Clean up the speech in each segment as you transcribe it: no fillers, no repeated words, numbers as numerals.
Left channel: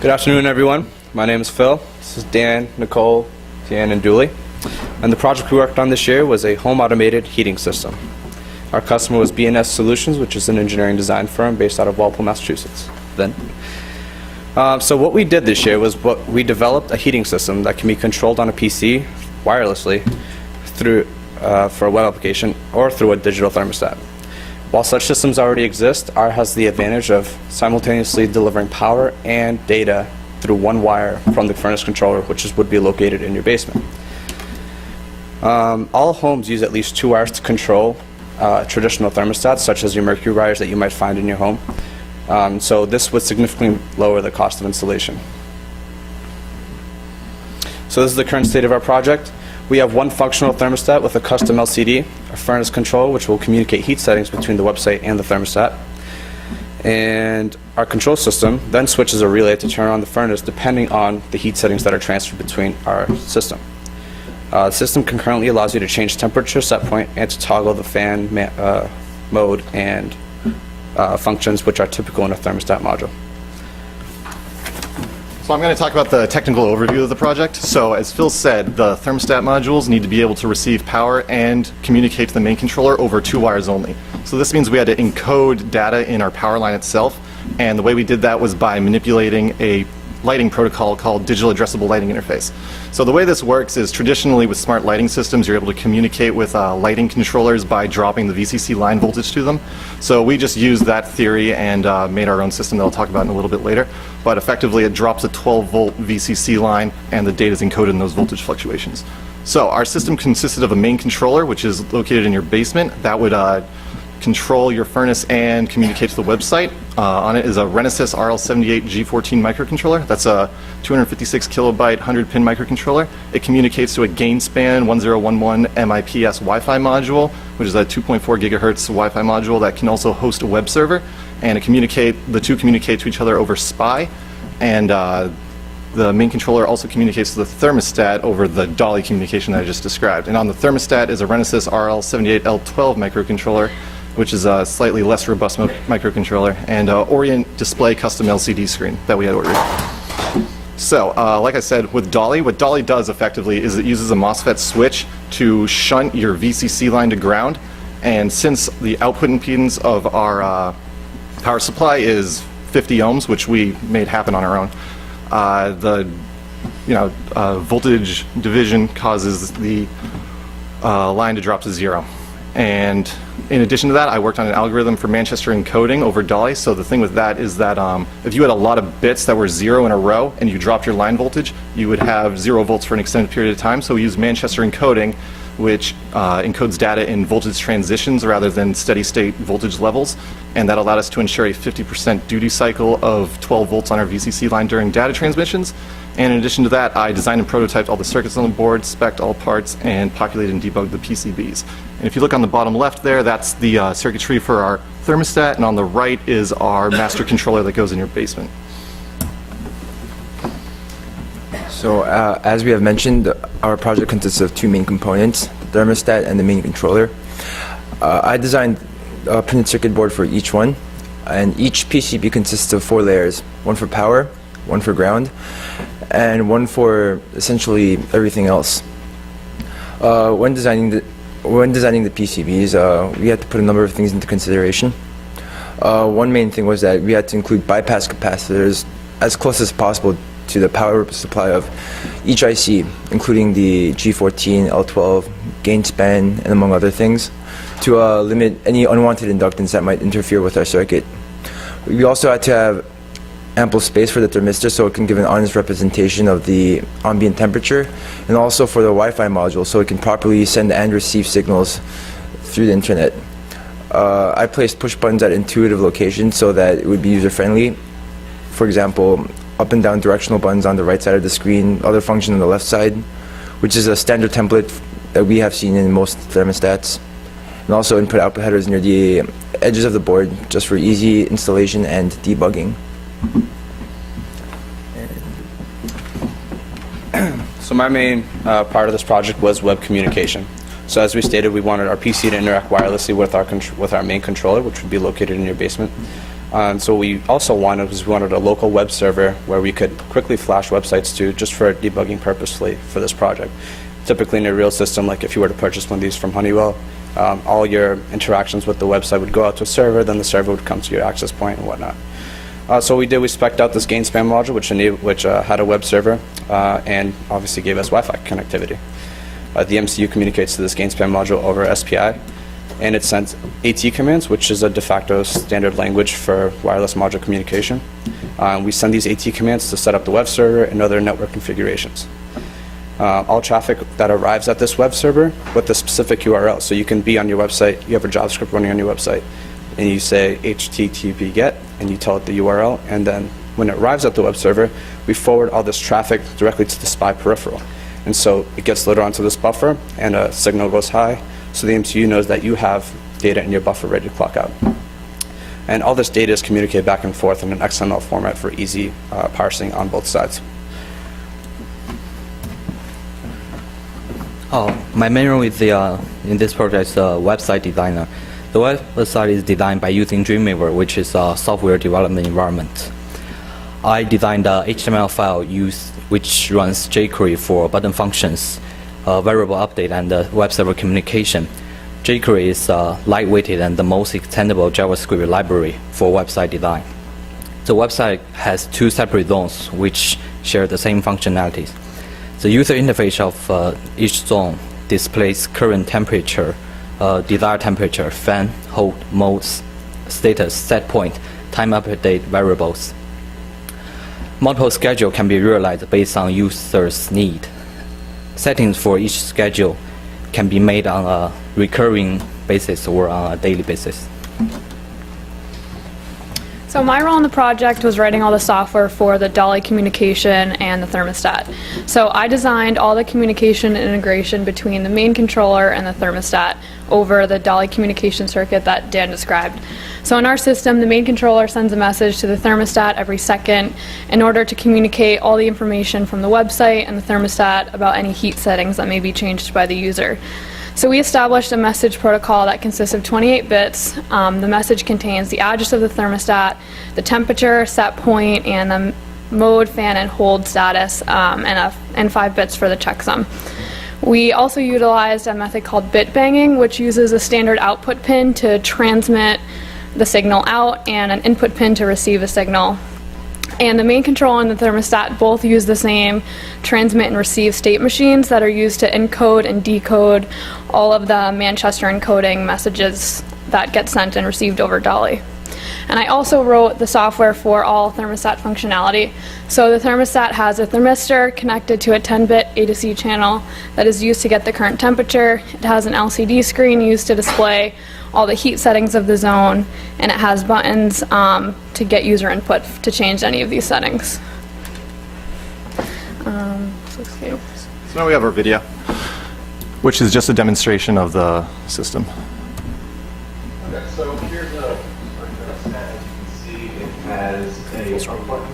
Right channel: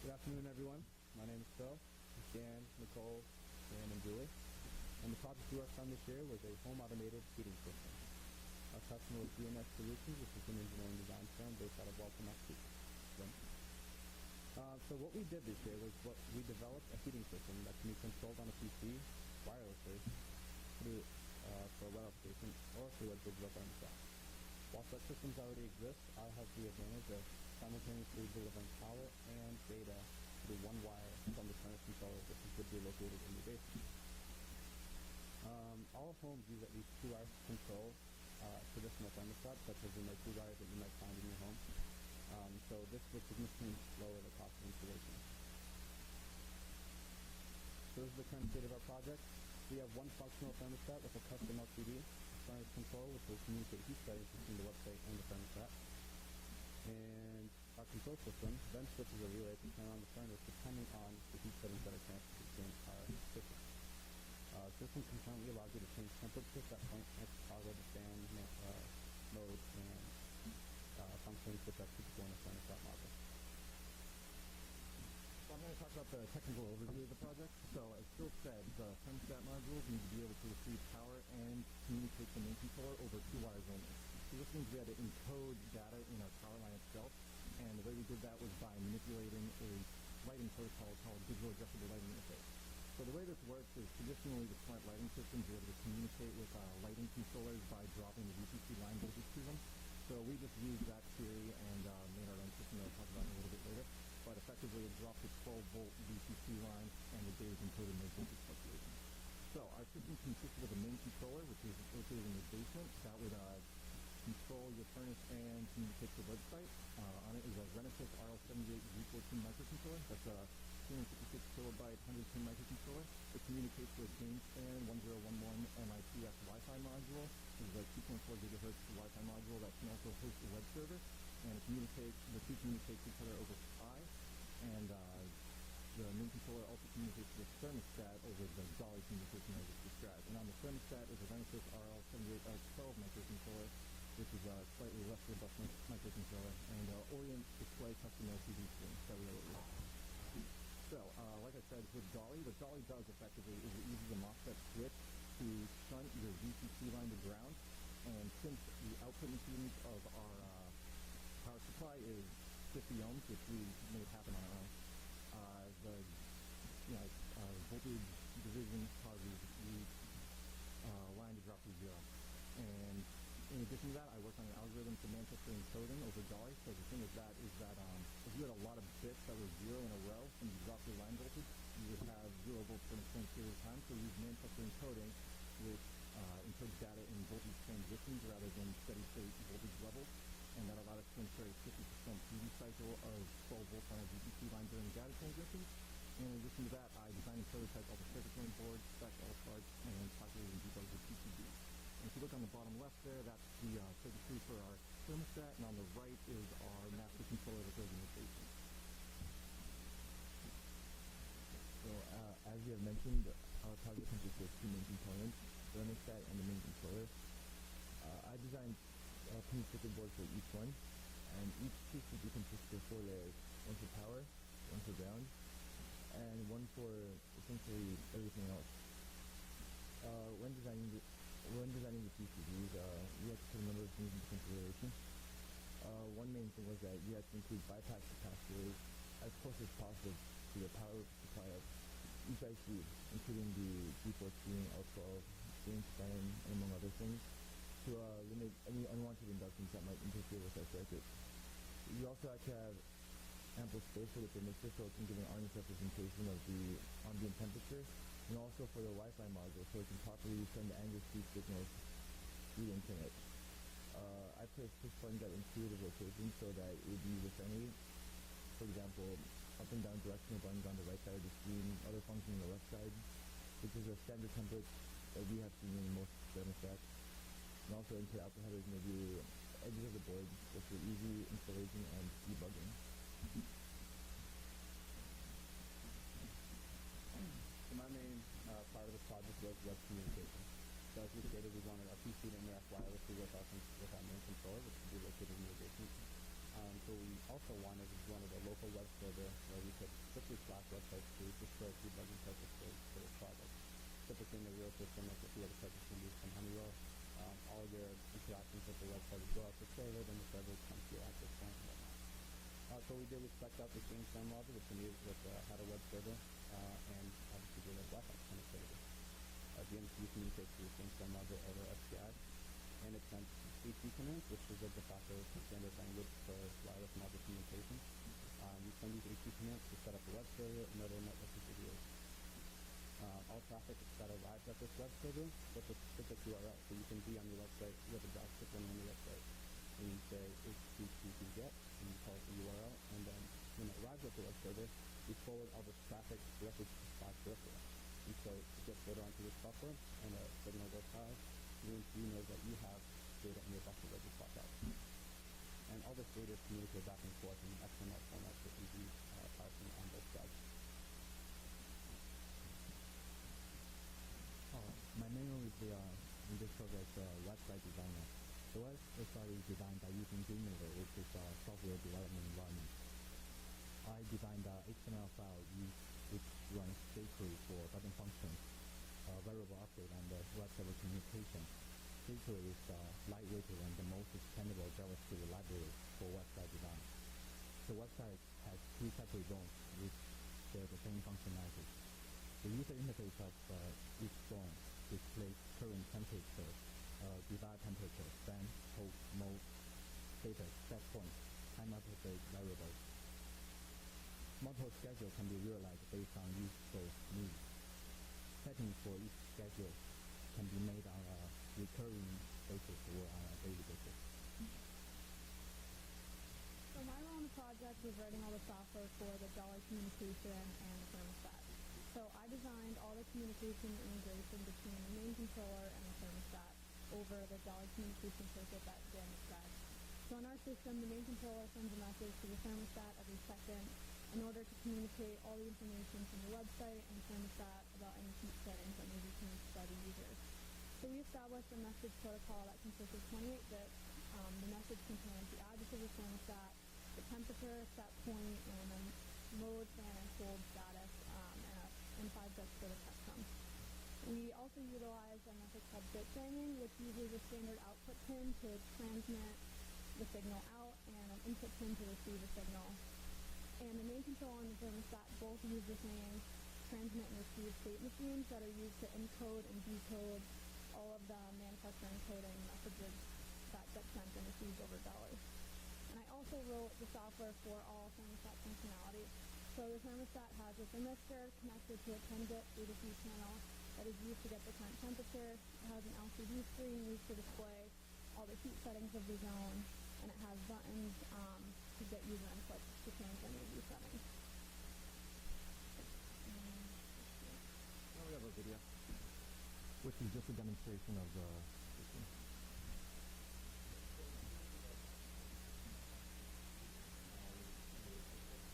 Good afternoon, everyone. My name is Phil. This is Dan, Nicole, Tian, and Doully. And the project we worked on this year was a home automated heating system. Our customer was B&S Solutions, which is an engineering design firm based out of Walpole, Massachusetts. So what we did this year was we developed a heating system that can be controlled on a PC wirelessly through for a web application or through a digital thermostat. While such systems already exist, ours has the advantage of simultaneously delivering power and data through one wire from the furnace controller, which would be located in your basement. All homes use at least 2 wires to control traditional thermostats, such as your mercury wires that you might find in your home. So this would significantly lower the cost of installation. So this is the current state of our project. We have one functional thermostat with a custom LCD, a furnace control, which will communicate heat settings between the website and the thermostat. And our control system then switches a relay to turn on the furnace depending on the heat settings that are transferred between our system. The system concurrently allows you to change temperature set point and to toggle the fan mode and functions which are typical in a thermostat module. So I'm going to talk about the technical overview of the project. So as Phil said, the thermostat modules need to be able to receive power and communicate to the main controller over 2 wires only. So this means we had to encode data in our power line itself, and the way we did that was by manipulating a lighting protocol called Digital Addressable Lighting Interface. So the way this works is traditionally with smart lighting systems, you're able to communicate with lighting controllers by dropping the VCC line voltage to them. So we just used that theory and made our own system that I'll talk about in a little bit later. But effectively it drops a 12-volt VCC line and the data is encoded in those voltage fluctuations. So our system consisted of a main controller, which is located in your basement. That would control your furnace and communicate to the website. On it is a Renesas RL78 G14 microcontroller. That's a 256 kilobyte 100-pin microcontroller. It communicates to a Gainspan 1011 MIPS Wi-Fi module, which is a 2.4 gigahertz Wi-Fi module that can also host a web server. And the two communicate to each other over SPI. And the main controller also communicates to the thermostat over the Dolly communication that I just described. And on the thermostat is a Renesas RL78L12 microcontroller, which is a slightly less robust microcontroller, and Orient Display custom LCD screen that we had ordered. So, like I said, with Dolly, what Dolly does effectively is it uses a MOSFET switch to shunt your VCC line to ground, and since the output impedance of our power supply is 50 ohms, which we made happen on our own, the voltage division causes the line to drop to 0. And in addition to that, I worked on an algorithm for Manchester encoding over Dolly. So the thing with that is that if you had a lot of bits that were 0 in a row and you dropped your line voltage, you would have 0 volts for an extended period of time. So we use Manchester encoding, which encodes data in voltage transitions rather than steady state voltage levels. And that allowed us to ensure a 50% duty cycle of 12 volts on our VCC line during data transmissions. And in addition to that, I designed and prototyped all the circuits on the board, spec'd all parts, and populated and debugged the PCBs. And if you look on the bottom left there, that's the circuitry for our thermostat, and on the right is our master controller that goes in your basement. So as we have mentioned, our project consists of 2 main components, the thermostat and the main controller. I designed a printed circuit board for each one, and each PCB consists of 4 layers, one for power, one for ground, and one for essentially everything else. When designing the PCBs, we had to put a number of things into consideration. One main thing was that we had to include bypass capacitors as close as possible to the power supply of each IC, including the G14, L12, Gainspan, and among other things, to limit any unwanted inductance that might interfere with our circuit. We also had to have ample space for the thermistor so it can give an honest representation of the ambient temperature, and also for the Wi-Fi module so it can properly send and receive signals through the internet. I placed push buttons at intuitive locations so that it would be user-friendly. For example, up and down directional buttons on the right side of the screen, other function on the left side, which is a standard template that we have seen in most thermostats. And also input-output headers near the edges of the board just for easy installation and debugging. So my main part of this project was web communication. So as we stated, we wanted our PC to interact wirelessly with our main controller, which would be located in your basement. So what we also wanted was we wanted a local web server where we could quickly flash websites to just for debugging purposely for this project. Typically in a real system, like if you were to purchase one of these from Honeywell, all your interactions with the website would go out to a server, then the server would come to your access point and whatnot. So we spec'd out this GainSpan module, which had a web server and obviously gave us Wi-Fi connectivity. The MCU communicates to this GainSpan module over SPI, and it sends AT commands, which is a de facto standard language for wireless module communication. We send these AT commands to set up the web server and other network configurations. All traffic that arrives at this web server with the specific URL. So you can be on your website, you have a JavaScript running on your website, and you say HTTP GET, and you tell it the URL, and then when it arrives at the web server, we forward all this traffic directly to the SPI peripheral. And so it gets loaded onto this buffer, and a signal goes high, so the MCU knows that you have data in your buffer ready to clock out. And all this data is communicated back and forth in an XML format for easy parsing on both sides. My main role is in this project is a website designer. The website is designed by using Dreamweaver, which is a software development environment. I designed the HTML file which runs jQuery for button functions, variable update, and web server communication. jQuery is lightweighted and the most extendable JavaScript library for website design. The website has two separate zones which share the same functionalities. The user interface of each zone displays current temperature, desired temperature, fan, hold, modes, status, set point, time update variables. Multiple schedule can be realized based on user's need. Settings for each schedule can be made on a recurring basis or on a daily basis. So my role in the project was writing all the software for the Dolly communication and the thermostat. So I designed all the communication and integration between the main controller and the thermostat over the Dolly communication circuit that Dan described. So in our system, the main controller sends a message to the thermostat every second in order to communicate all the information from the website and the thermostat about any heat settings that may be changed by the user. So we established a message protocol that consists of 28 bits. The message contains the address of the thermostat, the temperature, set point, and the mode, fan, and hold status, and 5 bits for the checksum. We also utilized a method called bit banging, which uses a standard output pin to transmit the signal out and an input pin to receive a signal. And the main control and the thermostat both use the same transmit and receive state machines that are used to encode and decode all of the Manchester encoding messages that get sent and received over Dolly. And I also wrote the software for all thermostat functionality. So the thermostat has a thermistor connected to a 10-bit A to C channel that is used to get the current temperature. It has an LCD screen used to display all the heat settings of the zone, and it has buttons to get user input to change any of these settings. So now we have our video, which is just a demonstration of the system. Okay, so here's a thermostat. As you can see, it has a button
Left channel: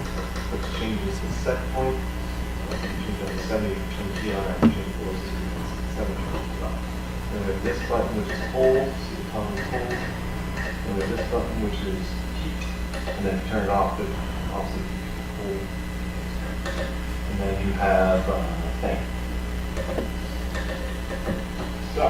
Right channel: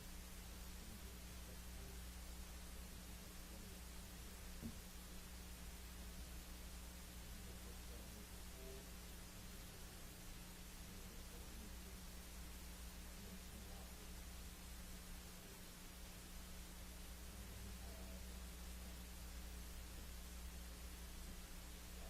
which changes the set point. You can change up to 70, you can change Tian, you can change forces, you can 70. Then we have this button which is hold, so you tell them hold. Then we have this button which is heat, and then turn it off, it also hold. And then you have fan. So,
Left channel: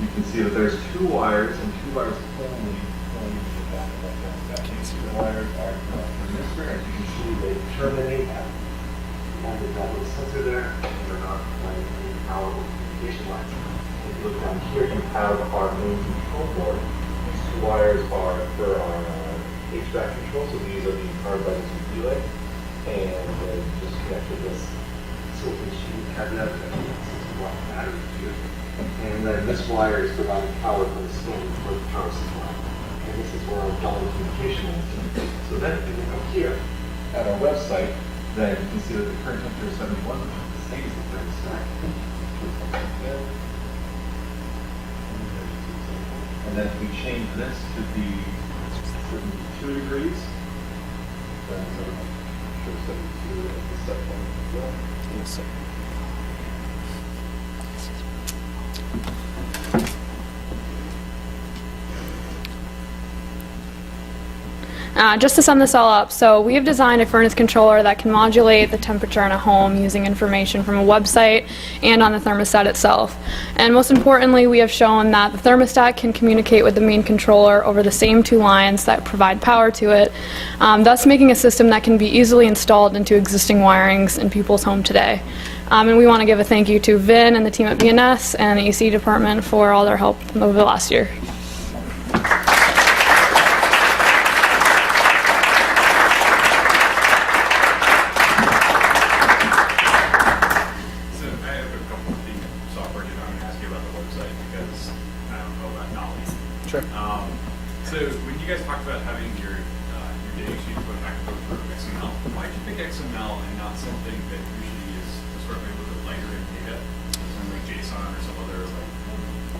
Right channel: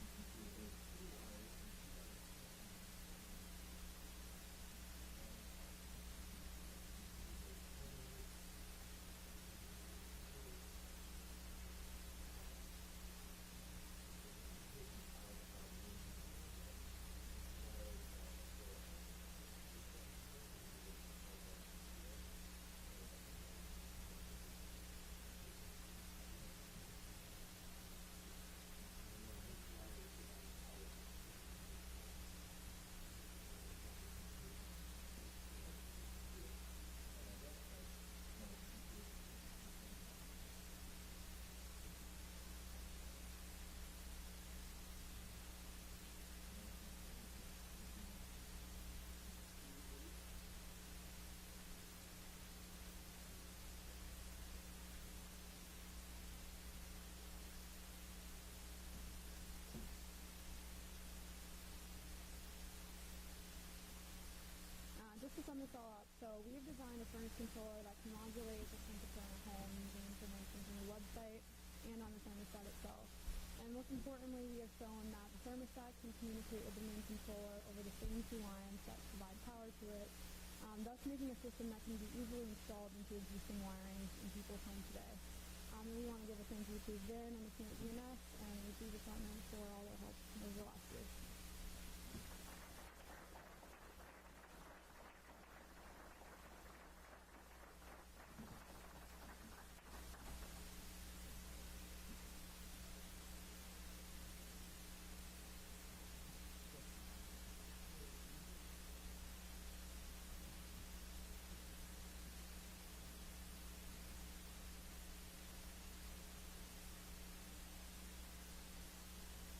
you can see that there's 2 wires and 2 wires only going to the back of that thermostat. The wires are from this way, as you can see, they terminate at the end of that little sensor there, and they're not running any power or communication lines. If you look down here, you have our main control board. These 2 wires are for our HVAC control, so these are being powered by this relay, and just connected this silicon sheet cabinet that what battery is used. And then this wire is providing power from the stand for the power supply. And this is where our Dolly communication is. So then if you come here at our website, then you can see that the current temperature is 71, which is the same as the thermostat. And then if we change this to be 72 degrees, then it shows 72 as the set point as well. Yes, sir. Just to sum this all up, so we have designed a furnace controller that can modulate the temperature in a home using information from a website and on the thermostat itself. And most importantly, we have shown that the thermostat can communicate with the main controller over the same two lines that provide power to it, thus making a system that can be easily installed into existing wirings in people's home today. And we want to give a thank you to Vin and the team at BNS and the ECE department for all their help over the last year. Sure. So when you guys talked about having your data sheet put back and forth through XML, why did you pick XML and not something that usually is sort of a little bit lighter in data, something like JSON or some other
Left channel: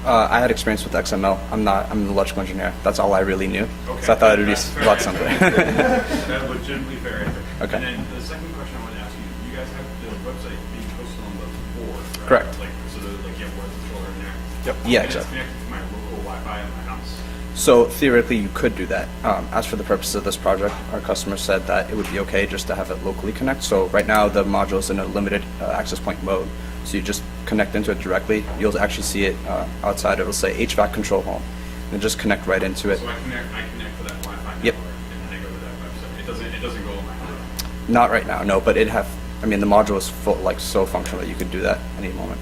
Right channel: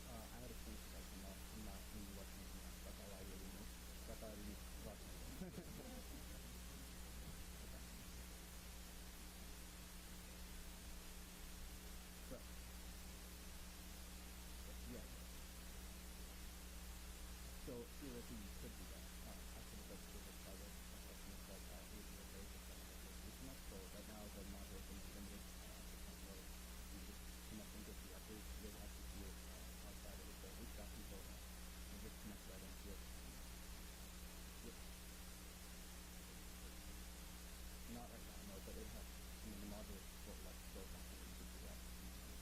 like? I had experience with XML. I'm an electrical engineer. That's all I really knew. Okay. So I thought it would be That's a lot simpler. That's legitimately fair answer. Okay. And then the second question I wanted to ask you, you guys have the website being posted on the board, right? Correct. Like, so that, like, you have one controller in there. Yep. Yeah, And exactly. it's connected to my local Wi-Fi in my house. So theoretically, you could do that. As for the purposes of this project, our customer said that it would be okay just to have it locally connect. So right now, the module is in a limited access point mode. So you just connect into it directly. You'll actually see it outside. It'll say HVAC control home, and just connect right into it. So I connect to that Wi-Fi Yep. network, and then I go to that website. It doesn't go on my home. Not right now, no. But it have. I mean, the module is full, like so functional that you could do that any moment.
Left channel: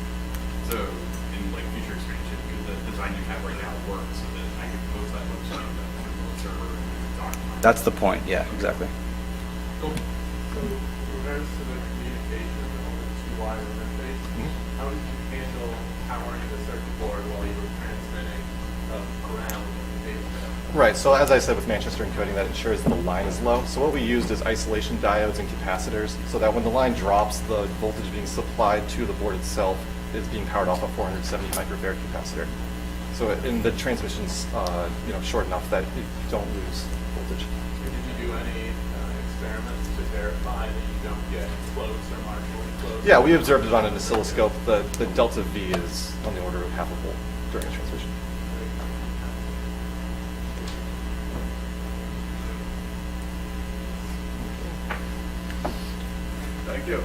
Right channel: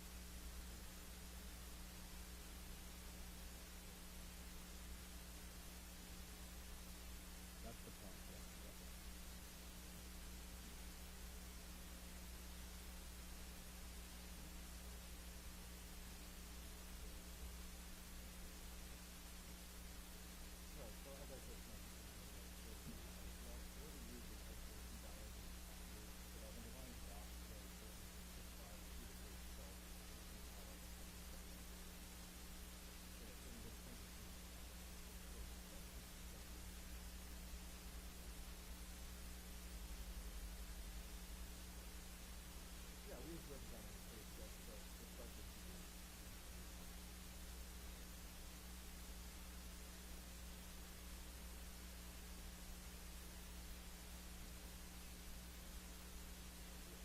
So in like future expansion, could the design you have right now work so that I could post that website on the remote server and talk to my? That's the point. Yeah, exactly. Cool. So, in regards to the communication on the two-wire interface, how did you handle powering the circuit board while you were transmitting around the data? Right, so as I said with Manchester encoding, that ensures the line is low. So what we used is isolation diodes and capacitors, so that when the line drops, the voltage being supplied to the board itself is being powered off a 470 microfarad capacitor. So in the transmission's short enough that you don't lose voltage. Did you do any experiments to verify that you don't get close or marginally close? Yeah, we observed it on an oscilloscope. The delta V is on the order of half a volt during the transmission. Thank you.